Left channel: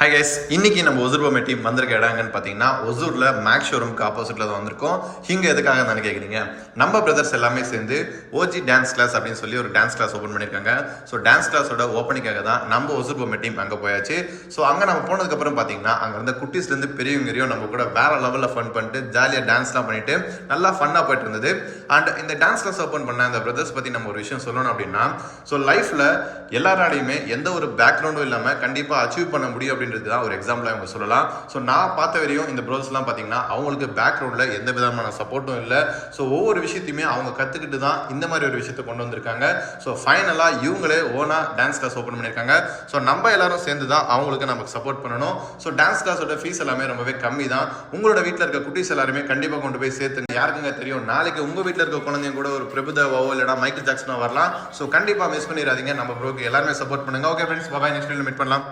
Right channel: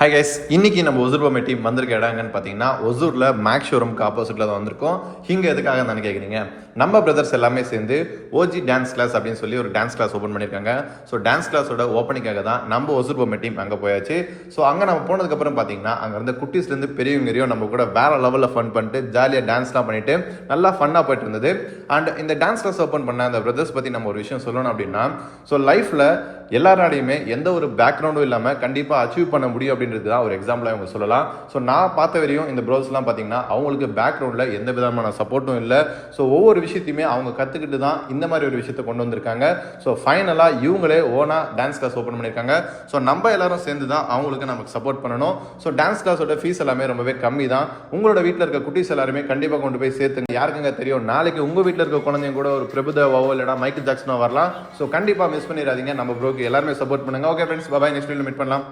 Hi guys, இன்னைக்கு நம்ம ஒசூர் பொம்மை டீம் வந்திருக்க இடங்கன்னு பார்த்தீங்கன்னா ஒசூரில் மேக்ஸ் ஷோரூம்க்கு ஆப்போசிட்டில் தான் வந்திருக்கோம். இங்கே எதுக்காக தானே கேட்குறீங்க, நம்ம பிரதர்ஸ் எல்லாமே சேர்ந்து ஓஜி டான்ஸ் கிளாஸ் அப்படின்னு சொல்லி ஒரு டான்ஸ் கிளாஸ் ஓப்பன் பண்ணியிருக்காங்க. ஸோ டான்ஸ் கிளாஸோட ஓப்பனிங்காக தான் நம்ம ஒசூர் பொம்மை டீம் அங்கே போயாச்சு. ஸோ அங்கே நம்ம போனதுக்கப்புறம் பார்த்தீங்கன்னா அங்கே இருந்த குட்டீஸ்லேருந்து பெரியவங்கரையும் நம்ம கூட வேறு லெவலில் ஃபன் பண்ணிட்டு ஜாலியாக டான்ஸ்லாம் பண்ணிட்டு நல்லா ஃபன்னாக போயிட்டு இருந்தது. அண்ட் இந்த டான்ஸ் கிளாஸ் ஓப்பன் பண்ண அந்த பிரதர்ஸ் பற்றி நம்ம ஒரு விஷயம் சொல்லணும் அப்படின்னா, ஸோ லைஃப்பில் எல்லாராலையுமே எந்த ஒரு பேக்ரவுண்டும் இல்லாமல் கண்டிப்பாக அச்சீவ் பண்ண முடியும் அப்படின்றது தான் ஒரு எக்ஸாம்பிளாக அவங்க சொல்லலாம். ஸோ நான் பார்த்த வரையும் இந்த ப்ரோஸ்லாம் பார்த்தீங்கன்னா அவங்களுக்கு பேக்ரவுண்டில் எந்த விதமான சப்போர்ட்டும் இல்லை. ஸோ ஒவ்வொரு விஷயத்தையுமே அவங்க கற்றுக்கிட்டு தான் இந்த மாதிரி ஒரு விஷயத்தை கொண்டு வந்திருக்காங்க. ஸோ ஃபைனலாக இவங்களே ஓனாக டான்ஸ் கிளாஸ் ஓப்பன் பண்ணியிருக்காங்க. ஸோ நம்ம எல்லாரும் சேர்ந்து தான் அவங்களுக்கு நமக்கு சப்போர்ட் பண்ணணும். ஸோ டான்ஸ் கிளாஸோட ஃபீஸ் எல்லாமே ரொம்பவே கம்மி தான். உங்களோட வீட்டில் இருக்க குட்டீஸ் எல்லாருமே கண்டிப்பாக கொண்டு போய் சேர்த்துங்க. யாருக்குங்க தெரியும், நாளைக்கு உங்கள் வீட்டில் இருக்க குழந்தைங்க கூட ஒரு பிரபுதேவாவோ இல்லைனா மைக்கேல் ஜாக்சனோ வரலாம். ஸோ கண்டிப்பாக மிஸ் பண்ணிடாதீங்க. நம்ம ப்ரோக்கு எல்லாருமே சப்போர்ட் பண்ணுங்க. ஓகே ஃப்ரெண்ட்ஸ், பாய். நெக்ஸ்ட் வீடியோவில் மீட் பண்ணலாம்.